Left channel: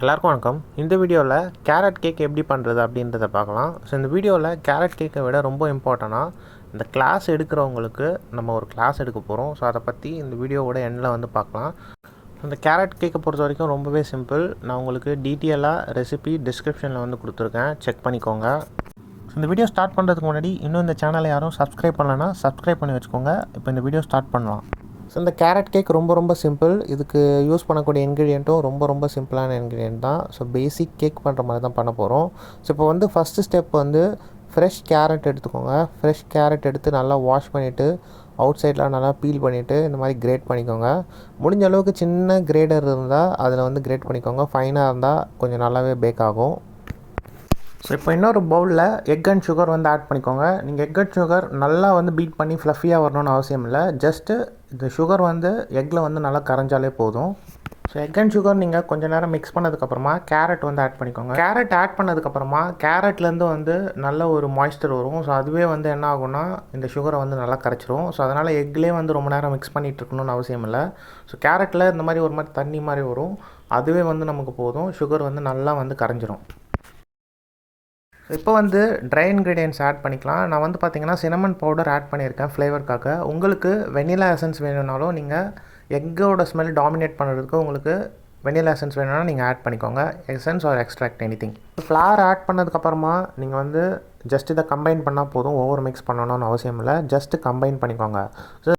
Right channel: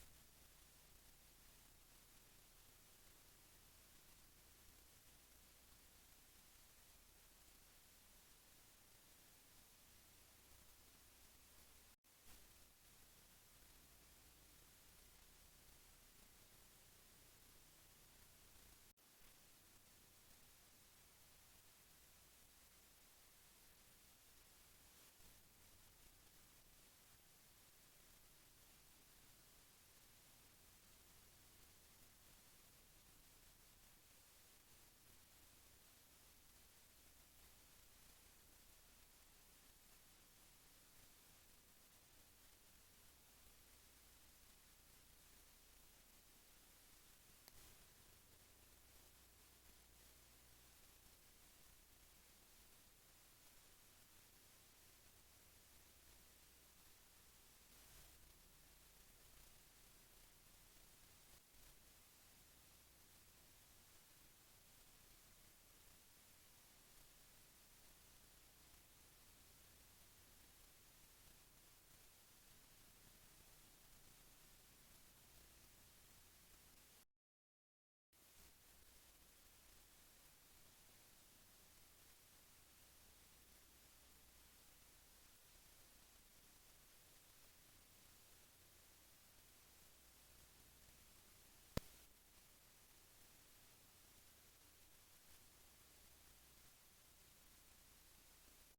எல்லாருக்கும் வணக்கம். இந்த வீடியோவில் கேரட் கேக் எப்படி பண்ணுறது அப்படின்றத பார்க்கலாம். ஸோ இந்த வீடியோவில் கேரட் கேக்கை விட ரொம்ப இம்பார்ட்டண்ட்டாக இந்த கிளாஸ் எடுக்கிறவங்களுக்கு நம்ம ஒரு கிளாஸ் எடுக்க போகிறோம். ஸோ அதை பற்றி இந்த வீடியோவோட எண்டில் வந்து பார்க்கலாம். இந்த கேரட் கேக்கை பொறுத்த வரைக்கும் ரொம்பவே சிம்பிள். நான் உங்களுக்கு டீட்டெயிலாக ரெசிபி டிஸ்கிரிப்ஷனில் வந்து கொடுத்துருக்கேன், செக் பண்ணிக்கோங்க. இந்த வீடியோ ஸ்டார்ட் பண்ணுறதுக்கு முன்னாடி இன்னும் இந்த சேனலை யாரும் சப்ஸ்கிரைப் பண்ணலைன்னா சப்ஸ்கிரைப் பண்ணி வச்சுக்கோங்க. இப்போ இந்த வீடியோ ஸ்டார்ட் பண்ணலாம். ஸோ இந்த கேரட் கேக் ரொம்ப சிம்பிள். இதுக்கு யூஸ் பண்ணக்கூடிய இன்க்ரீடியண்ட்டும் ரொம்ப சிம்பிளான இன்க்ரீடியன்ட் தான். ஸோ பேசிக் கேக் பண்ணுற மாதிரி தான் பண்ண போகிறோம். ஸோ இப்போ வந்து ஃபஸ்ட்டு ஸ்டெப் வந்து ஃப்ரெஷ் கேரட் எடுத்துக்கோங்க. ஃப்ரெஷ் கேரட் எடுத்து நல்லா வாஷ் பண்ணிவிட்டு அவுட் சைடெலாம் நல்லா பீல் பண்ணிவிட்டு இந்த மாதிரி கிரேட் பண்ணிக்கோங்க. முடிஞ்ச அளவுக்கு சின்ன கிரேடர் இருந்தால் அதில் வந்து கிரேட் பண்ணிக்கோங்க. ஃபைனாக இருந்தால் கொஞ்சம் நல்லாவே பேக் ஆகும். ஸோ இப்போ இன்னொரு பவுலில் எக் அண்ட் சுகர் வந்து ஆட் பண்ணிக்கோங்க. நீங்கள் எக் அண்ட் சுகர் நல்லா வந்து பீட் பண்ணி ஃப்ளஃபியாக வரணும்னு அவசியம் இல்லை. ஜஸ்ட்டு இந்த சுகர் வந்து எக்கில் வந்து நல்லா கரைஞ்சாலே போதும். ஸோ எக் அண்ட் சுகர் நீங்கள் கொஞ்சம் நேரம் மிக்ஸ் பண்ணதுக்கப்புறமா கேரட் வந்து ஆட் பண்ணிக்கோங்க. கேரட் ஆட் பண்ணதுக்கப்புறமா கேரட்லேருந்து வந்து நல்ல ஒரு மாய்ஸ்சர் வரும். ஸோ அதுவே வந்து என்ன ஆகும்னா இந்த சுகரை வந்து நல்லா கரைச்சிரும். ஸோ அதனால் எக்லேயே வந்து ரொம்ப நேரம் மிக்ஸ் பண்ணிகிட்டு இருக்கணும்னு அவசியம் இல்லை. ஸோ கேரட்டில் இந்த மாதிரி ஒரு மாதிரி தண்ணி மாதிரி வரும், அதுவே வந்து நமக்கு போதும். சுகர் வந்து நல்லா வந்து கரைஞ்சிரும். இப்போ வந்து ட்ரை இன்க்ரீடியன்ட்ஸ் ஆட் பண்ணிக்கலாம். நான் வந்து பார்த்திங்கன்னா சினமன் பவுடர் ஆட் பண்ணியிருக்கேன் ஃப்ளேவருக்காக. உங்களுக்கு வெனிலா எசன்ஸ் வேணும்னாலும் நீங்கள் எக்கோட ஸ்மெல் டாமினேட் பண்ணுறதுக்கு உங்களுக்கு வெனிலா எசன்ஸ் வேணும்னா நீங்கள் ஆட் பண்ணிக்கோங்க. Essence or extract anything. Flower add பண்ணதுக்கப்புறமா நீங்கள் வந்து ஜஸ்ட் இதை கம்பைன் பண்ணால் போதும். ஓவர் மிக்ஸ் பண்ணணும்னு அவசியம் இல்லை, ஜஸ்ட்டு கம்பைன் பண்ணிக்கோங்க. ஸோ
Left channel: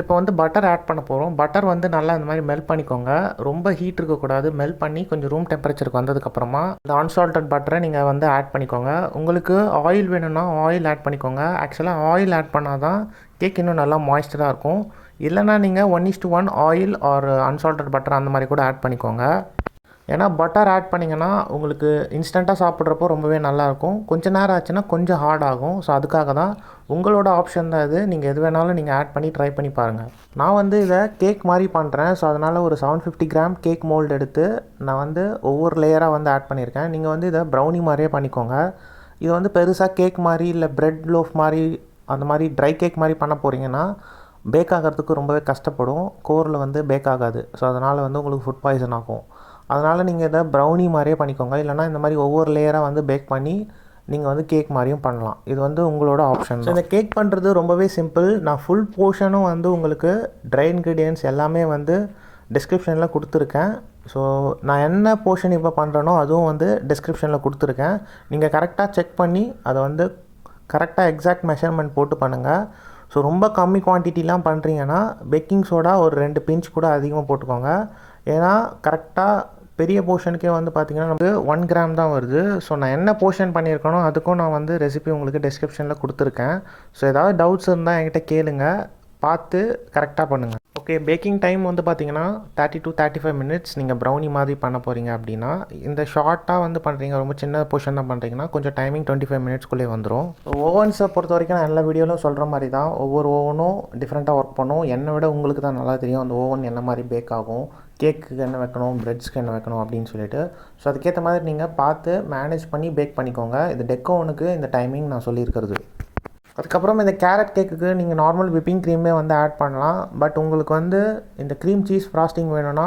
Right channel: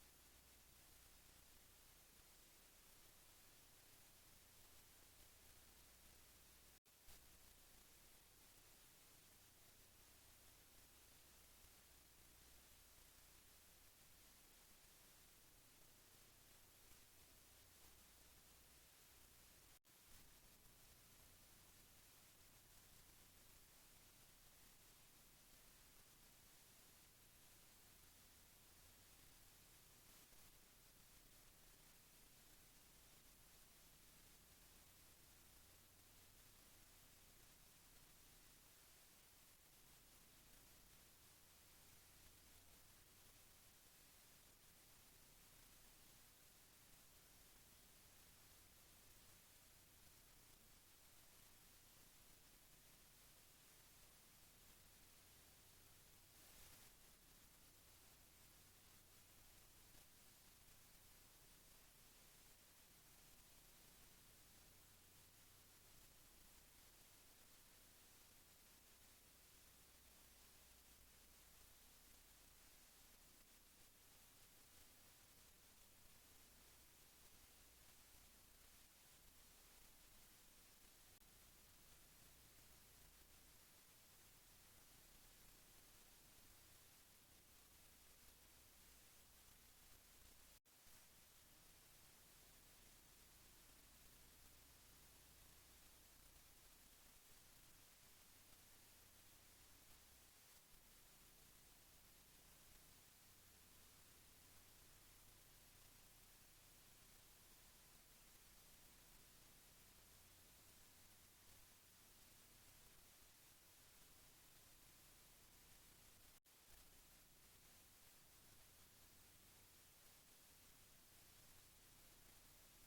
இப்போ வந்து பட்டர் ஆட் பண்ண போகிறோம். பட்டர் வந்து நல்லா இந்த மாதிரி மெல்ட் பண்ணிக்கோங்க. ரொம்ப ஹீட் இருக்கக்கூடாது. மெல்ட் பண்ணி கொஞ்சம் ரூம் டெம்பரேச்சருக்கு வந்ததுக்கப்புறமா இந்த அன்சால்டட் பட்டரை நீங்கள் வந்து ஆட் பண்ணிக்கோங்க. உங்களுக்கு ஆயில் வேணும்னா ஆயில் ஆட் பண்ணிக்கோங்க. ஆக்சுவலாக ஆயில் ஆட் பண்ணால் தான் கேக் இன்னும் நல்லா மாய்ஸ்சராக இருக்கும். இல்லைனா நீங்கள் 1:1 ஆயில் ஆர் அன்சால்டட் பட்டர் அந்த மாதிரி கூட ஆட் பண்ணிக்கோங்க. ஏன்னா பட்டர் ஆட் பண்ணிங்கன்னா உங்களுக்கு இன்ஸ்டண்ட்டாக சாப்பிட்றப்போ ரொம்பவே நல்லாயிருக்கும். கொஞ்சம் நேரம் ஆச்சுன்னா கொஞ்சம் ஹார்ட் ஆகும். ஸோ அதுக்காக தான் உங்களோட ஆப்ஷன் தான் இது. நீங்கள் எது வேணாலும் நீங்கள் ஆட் பண்ணி ட்ரை பண்ணி பாருங்கள். நான் வந்து இதை கேக் மாதிரி பண்ணுறேன். ஸோ அதனால் ஒரு 750 கிராம் கேக் மோல்டு எடுத்து நான் வந்து ஒவ்வொரு லேயராக வந்து ஆட் பண்ணியிருக்கேன். நீங்கள் வந்து இதை ப்ரௌனி மாதிரியே பண்ணிக்கோங்க. இது வந்து பெருசாக கேக் மாதிரி இல்லை ப்ரெட் லோஃப் மாதிரி அந்த மாதிரி ட்ரை கேக் மாதிரி பண்ண போகிறீங்கன்னா பேக் ஆகிறதுக்கு ரொம்பவே கஷ்டப்படும். கோரில் வந்து பேக் ஆகாது. ஸோ அதனால் வந்து உங்களுக்கு ஃபுட் பாய்சன் ஆகும். அதனால் நீங்கள் இதை ப்ரௌனி மாதிரியே பண்ணிக்கோங்க. இல்லைனா இந்த மாதிரி ஒவ்வொரு லேயராக வந்து பேக் பண்ணி நீங்கள் வந்து கேக் மாதிரியும் பண்ணலாம். இது வந்து உங்களோட ஆப்ஷன். ஸோ இந்த கேக் பண்ணுறது ரொம்பவே சிம்பிள். நான் ஃபுல் போர்ஷனும் வந்து உங்களுக்கு ட்ரை இன்க்ரீடியன்ட்ஸ் எல்லாமே வந்து டிஸ்கிரிப்ஷனில் கொடுத்துருக்கேன். ஸோ நான் என்ன போர்ஷன் இப்போ பண்ணுறேனோ அதுவும் வந்து டிஸ்கிரிப்ஷனில் கொடுத்துருக்கேன். நீங்கள் கரெக்டாக செக் பண்ணி அதை வந்து கரெக்டாக எக்ஸாக்ட் மெஷர்மெண்ட் போட்டு பண்ணுங்கள். ஸோ ரொம்ப கம்மி குவான்டிட்டிலாம் பண்ணுறீங்கன்னா பேக்கிங் சோடா ஒரு 2 பிஞ்ச் கூட அதிகமாக போட்டுக்கோங்க. ஏன்னா கரெக்டாக பெரிய போர்ஷனுக்கே வந்து பார்த்திங்கன்னா நமக்கு 1 கிராம் தான் வருது. ஸோ நான் என்ன போர்ஷன் பண்ணியிருக்கேனோ அதுக்கும் நான் வந்து ரெசிபி உங்களுக்கு டிஸ்கிரிப்ஷனில் கொடுத்துருக்கேன். ஸோ ஏதாவது டவுட்ஸ் இருந்தால் என்கிட்ட கேளுங்க, பார்த்து கரெக்டாக பண்ணுங்கள். ஓகே, பேக்கிங் டைம் வந்து பார்த்திங்கன்னா 30 to 35 மினிட்ஸ். நீங்கள் ப்ரௌனி மாதிரி பண்ண போகிறீங்க அப்படின்னா, இந்த ஷார்ட்டாக வந்து பண்ணுறீங்க, ரொம்ப சின்ன போர்ஷன் தான் பண்ணுறீங்கன்னா கொஞ்சம் டைமிங் 25 மினிட்ஸ்க்குள்ளே வந்துடும். ஓவன்ஸை பொறுத்த வரைக்கும் நான் எல்லா வீடியோவிலும் சொல்கிற மாதிரி தான், ஒவ்வொரு ஓவனும் டிஃப்ரெண்ட்டாக ஒர்க் பண்ணும். என்னை விட உங்களுக்கு தான் நல்லா தெரியும் அந்த ஓவன் என்ன மாதிரி பேக் ஆகும், கேக்குக்கு என்ன வைக்கணும், ப்ரெட்ஸ்க்கு என்ன வைக்கணும் அப்படின்னு சொல்லிட்டு. ஸோ அதுக்கேற்ற மாதிரி நீங்கள் பார்த்து மேனேஜ் பண்ணி பேக் பண்ணிக்கோங்க. இது டெக் ஓவனுக்கு இந்த டைமிங் நான் சொல்லியிருக்கிறது. அதுக்கப்புறம் இந்த கேரட் கேக்குக்கு நீங்கள் நார்மல் விப்பிங் க்ரீமே வந்து ஆட் பண்ணலாம். பட் உங்களுக்கு வந்து இந்த க்ரீம் சீஸ் ஃப்ராஸ்டிங் வேணும்னா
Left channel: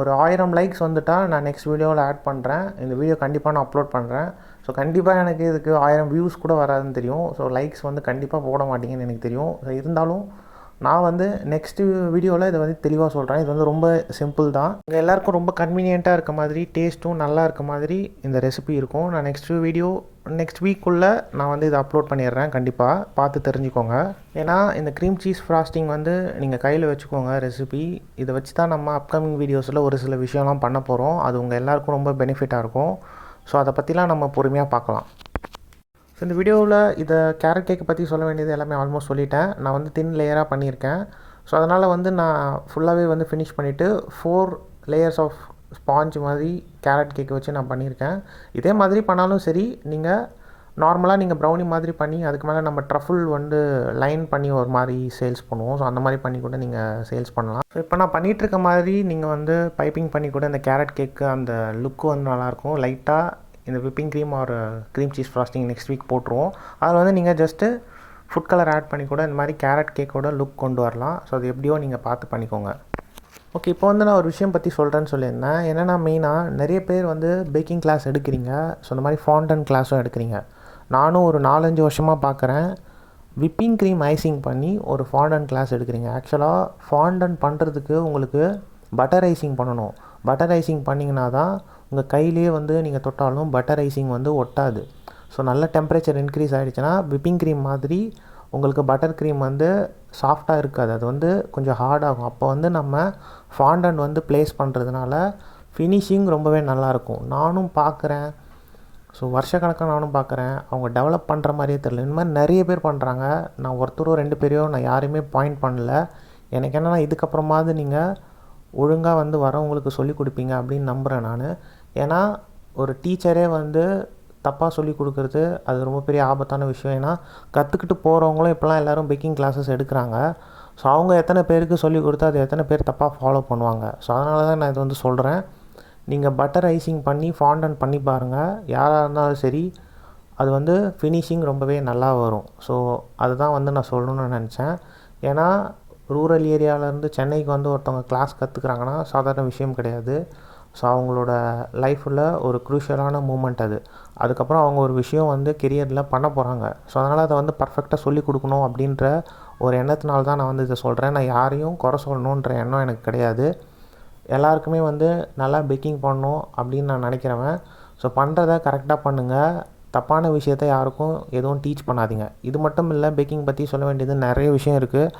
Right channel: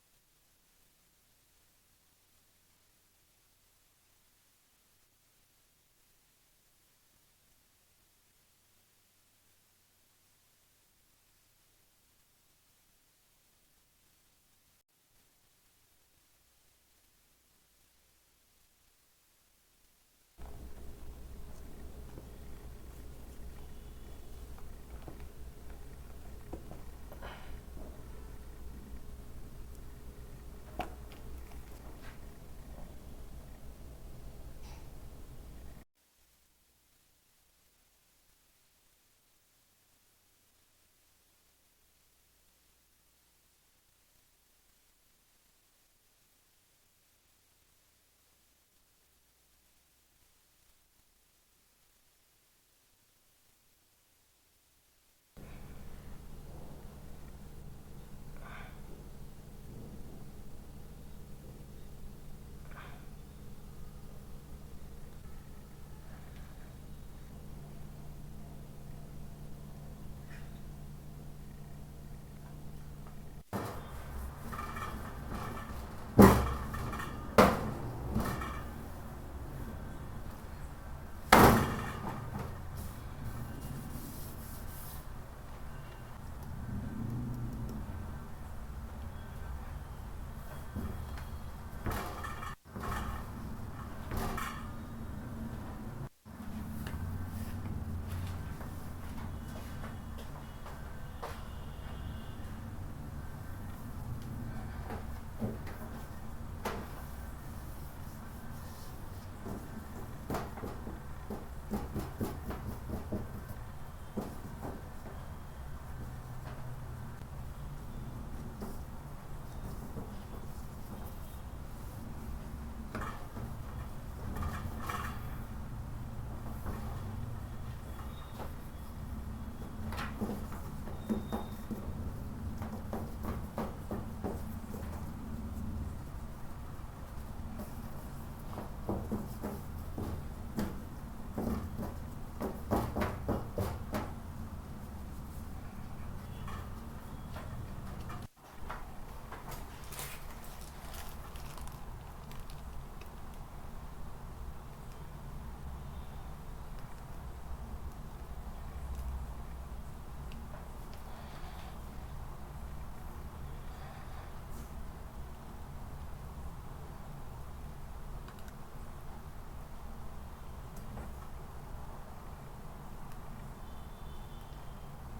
ஒரு 1000 லைக்ஸ் வந்துட்டால் நான் நெக்ஸ்ட் வீடியோவில் ஆட் பண்ணுறேன். இந்த வீடியோ கண்டிப்பாக நான் அப்லோட் பண்ணுறேன். ஸோ கண்டிப்பாக எனக்கு இதுக்கு 1000 வியூஸ் கூட வராதுன்னு தெரியும். ஸோ லைக்ஸ் வந்து கண்டிப்பாக போட மாட்டீங்கன்னு எனக்கு தெரியும். ஸோ இருந்தாலும் நான் வந்து நெக்ஸ்ட்டு வீடியோவில் இதை வந்து தெளிவாக சொல்கிறேன். இது வந்து ரொம்ப சிம்பிள் தான். இங்கே எல்லாேருக்கும் ரொம்ப கன்வீனியண்ட்டாக இருக்க மாதிரி, டேஸ்ட்டும் நல்லா இருக்க மாதிரி இந்த ரெசிபி இருக்கும். நான் நெக்ஸ்ட் வீக்குள்ளே நான் வந்து இதை அப்லோட் பண்ணிடுறேன். கண்டிப்பாக பார்த்து தெரிஞ்சுக்கோங்க. ஏன்னா இந்த க்ரீம் சீஸ் ஃப்ராஸ்டிங் வந்து நீங்கள் கையில் வச்சுக்கோங்க ரெசிபி. இதை வச்சு தான் நம்ம அப்கமிங் வீடியோஸில் ஒரு சில விஷயம்லாம் பண்ண போகிறோம். அது உங்கள் எல்லாேருக்கும் ரொம்ப பெனிஃபிட்டாக இருக்கும். ஸோ அதை பற்றிலாம் நம்ம பொறுமையாக பார்க்கலாம். ஸோ இந்த வீடியோவில் இதை கேரட் கேக்கை பற்றி சொல்ல வேண்டியது எல்லாமே ஆல்மோஸ்ட் சொல்லிட்டேன். நான் வந்து தின் லேயராக பண்ணியிருக்கேன். ஸோ அதனால் வந்து நான் ஃபுல்லாகவே வந்து ஃபினிஷ் பண்ணிவிட்டு 4 லேயர்ஸ் ஆஃப் ஸ்பாஞ்ச் மாதிரி கேரட் கேக்கை வச்சு நான் பண்ணியிருக்கேன். இதே மாதிரி பண்ணாலும் சரி, நீங்கள் நார்மலாக நீங்கள் ப்ரௌனி மாதிரி பண்ணி அதுக்கு மேலே நம்ம ட்ரஃபுல் வந்து லைன் பண்ணி ஒரு மாதிரி சேல்ஸ் பண்ணுவோம். ஸோ அந்த மாதிரி பண்ணி கூட நீங்கள் சேல்ஸ் பண்ணலாம். ஸோ இப்போ நான் பண்ணிகிட்ருக்க மாதிரி நீங்கள் வந்து பைப்பிங் பண்ணி கூட இந்த கேரட் கேக்கு அந்த லுக்கு வந்து நல்லாயிருக்கும். லைட்டாக இந்த whipping cream or cream cheese frosting next week போட்டுருவோம். அதில் வந்து நீங்கள் ஜஸ்ட்டு ஃபுட் கலர் ஆட் பண்ணி கூட இந்த மாதிரி கேரட் கேக்கோட லுக் கொண்டு வரலாம். ஸோ அது எப்படியோ நீங்கள் பார்த்து பண்ணிக்கோங்க. ஓகே, இப்போ வந்து நான் ஒரு விஷயம் பற்றி சொல்கிறேன்னு சொல்லியிருந்தேன். என்னென்னா மெயினாக நிறைய பேர் வந்து பேக்கிங் கிளாஸ் எடுக்கிறீங்க. ஸோ இந்த மாதிரி ஃபாண்டன் கிளாஸும் எடுக்கிறீங்க. நானும் ஒரு 4-5 வருஷமாக பார்க்குறேன். விப்பிங் க்ரீம் ஐசிங் பண்ணி ஒரு ஃபாண்டன் கிளாஸ் எடுக்கிறீங்க. ஆக்சுவலாக ஃபாண்டன் பண்ணுறதுக்கு உங்களுக்கு பட்டர் ஐசிங் பண்ணணும். பட்டர் ஐசிங் பண்ணிங்கன்னா தான் உங்கள் கையிலே வந்து நீங்கள் தொட்டாலும் பட்டர் ஐசிங் வந்து ஒட்டாது. ஸோ நல்ல டெம்பரேச்சர் இன்க்ரீஸ் ஆகிடுச்சுன்னா விப்பிங் க்ரீம் மாதிரி உங்களுக்கு பட்டர் க்ரீம் வந்து சாஃப்டாக இருக்காது. அது வந்து கொஞ்சம் ஹார்டாகும். அப்போ வந்து நம்ம ஃபாண்டன் வந்து ப்ளேஸ் பண்ணுறதுனால ஃபினிஷிங் ரொம்பவே நல்லாயிருக்கும். நானும் பார்க்குறேன். ஸோ வருஷக்கணக்காக நானும் பார்க்குறேன். அவங்க டெவலப் பண்ணுற மாதிரியே தெரியல. இந்த மாதிரி நிறைய பேர் பண்ணுறாங்க. நான் ஒருத்தரோ 2 பேரையோ நான் யாரையுமே பாயிண்ட் பண்ணல. எனக்கு என்னென்னா இதுக்கப்புறமாவது நீங்கள் ஒழுங்காக வந்து வரவங்களுக்கு சொல்லிக் கொடுப்பீங்க அப்படின்னு நம்புகிறேன் நான். ஏன்னா ஒரு டீச்சரே வந்து தப்பாக சொல்லிக் கொடுக்குறது அது ரொம்ப பெரிய ஆபத்தான விஷயம். ஏன்னா கற்றுக்கிட்டு போகிறவங்களும் இப்போலாம் எல்லோரும் பேக்கிங் கிளாஸஸ் எடுக்கிறாங்க. ஸோ அவங்க எத்தனை பேருக்கு சொல்லிக் கொடுத்தா அது எத்தனை பேர் தப்பாக ஃபாலோ பண்ணுவாங்க. ஸோ அதனால தான் நான் இது வந்து சொல்கிறேன். நீங்கள் பட்டர் ஐசிங் பண்ணி ஃபாண்டன் பண்ணி பாருங்கள். யாராக இருந்தாலும் சரி, அது வந்து ஃபினிஷிங் ரொம்பவே நல்லா வரும். ஸோ அதுதான் வந்து நான் சொல்லணும்னு நினச்சேன். ஏன்னா ரூரல் ஏரியாவிலேருந்து சென்னைக்கு வந்து ஒருத்தவங்க கிளாஸ் கற்றுக்குறாங்கன்னா சாதாரண விஷயம் கிடையாது. ஸோ அவங்களோட லைஃப்பில் ஒரு க்ரூஷியலான மூமெண்ட் அது. அதுக்கப்புறம் அவங்க ஒரு விஷயம் வந்து கெரியரில் பண்ண போகிறாங்க. ஸோ அதனால் அதை வந்து பர்ஃபெக்டாக சொல்லிக் கொடுக்கணும் அப்படின்ற ஒரு எண்ணத்தினால தான் நான் வந்து இதை சொல்கிறேன். நான் யாரையும் குறை சொல்லணுன்ற எண்ணம் எனக்கு கிடையாது. எல்லாருக்குமே வந்து நல்லா பேக்கிங் பண்ணணும் அப்படின்னு நான் நினைக்கிறவன். ஸோ பண்ணுறத கரெக்டாக பண்ணுங்கள். தப்பான விஷயத்தை யாருக்கும் எதுவும் டீச் பண்ணாதீங்க. இது மட்டும் இல்லை, பேக்கிங் பற்றி சொல்ல வேண்டியது நிறைய விஷயம் இருக்குது.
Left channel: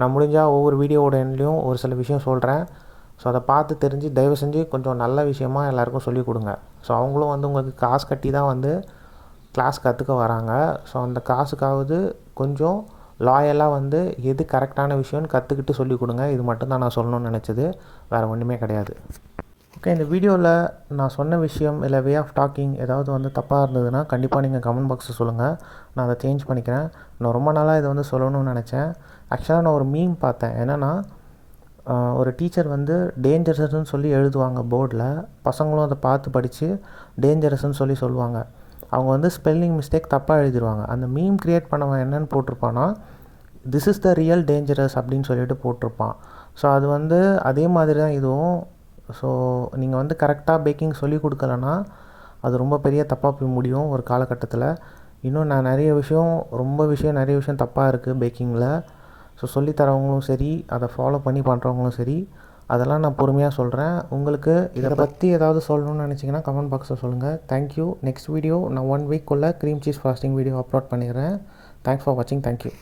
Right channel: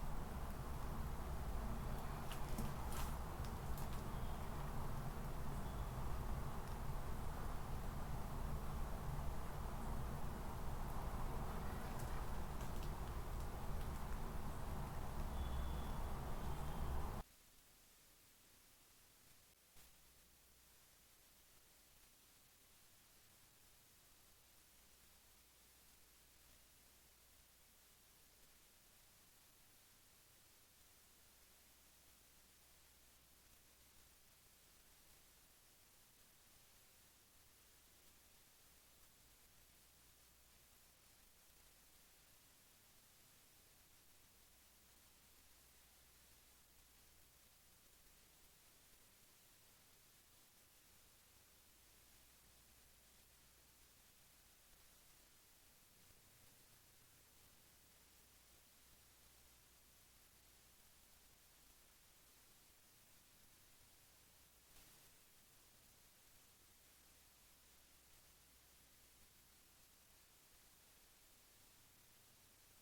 நான் முடிஞ்சால் ஒவ்வொரு வீடியோவோட எண்ட்லேயும் ஒரு சில விஷயம் சொல்கிறேன். ஸோ அதை பார்த்து தெரிஞ்சு தயவு செஞ்சு கொஞ்சம் நல்ல விஷயமாக எல்லாேருக்கும் சொல்லிக் கொடுங்க. ஸோ அவங்களும் வந்து உங்களுக்கு காசு கட்டி தான் வந்து கிளாஸ் கற்றுக்க வராங்க. ஸோ அந்த காசுக்காவது கொஞ்சம் லாயலாக வந்து எது கரெக்டான விஷயம்னு கற்றுக்கிட்டு சொல்லிக் கொடுங்க. இது மட்டும்தான் நான் சொல்லணும்னு நினச்சது. வேறு ஒன்றுமே கிடையாது. ஓகே, இந்த வீடியோவில் நான் சொன்ன விஷயம் இல்லை வே ஆஃப் டாக்கிங் ஏதாவது வந்து தப்பாக இருந்ததுன்னா கண்டிப்பாக நீங்கள் கமெண்ட் பாக்ஸில் சொல்லுங்கள். நான் அதை சேஞ்ச் பண்ணிக்கிறேன். நான் ரொம்ப நாளாக இதை வந்து சொல்லணும்னு நினச்சேன். ஆக்சுவலாக நான் ஒரு மீம் பார்த்தேன். என்னென்னா ஒரு டீச்சர் வந்து டேஞ்சரஸ்ன்னு சொல்லி எழுதுவாங்க போர்டில். பசங்களும் அதை பார்த்து படித்து டேஞ்சரஸ்ன்னு சொல்லி சொல்லுவாங்க. அவங்க வந்து ஸ்பெல்லிங் மிஸ்டேக் தப்பாக எழுதிடுவாங்க. அந்த மீம் க்ரியேட் பண்ணவன் என்னென்னு போட்டிருப்பான்னா, this is the real dangerous அப்படின்னு சொல்லிட்டு போட்டிருப்பான். ஸோ அது வந்து அதே மாதிரி தான் இதுவும். ஸோ நீங்கள் வந்து கரெக்டாக பேக்கிங் சொல்லிக் கொடுக்கலன்னா அது ரொம்ப பெரிய தப்பாக போய் முடியும் ஒரு காலகட்டத்தில். இன்னும் நான் நிறைய விஷயம் தப்பாக இருக்குது பேக்கிங்கில். ஸோ சொல்லித்தரவங்களும் சரி, அதை ஃபாலோ பண்ணி பண்ணுறவங்களும் சரி, அதெல்லாம் நான் பொறுமையாக சொல்கிறேன். உங்களுக்கு இதை பற்றி ஏதாவது சொல்லணும்னு நினச்சிங்கன்னா கமெண்ட் பாக்ஸில் சொல்லுங்கள். தேங்க்யூ. நெக்ஸ்ட் வீடியோ நான் 1 வீக்குள்ளே cream cheese frosting video upload பண்ணிடுறேன். தேங்க்ஸ் ஃபார் வாட்சிங். தேங்க்யூ.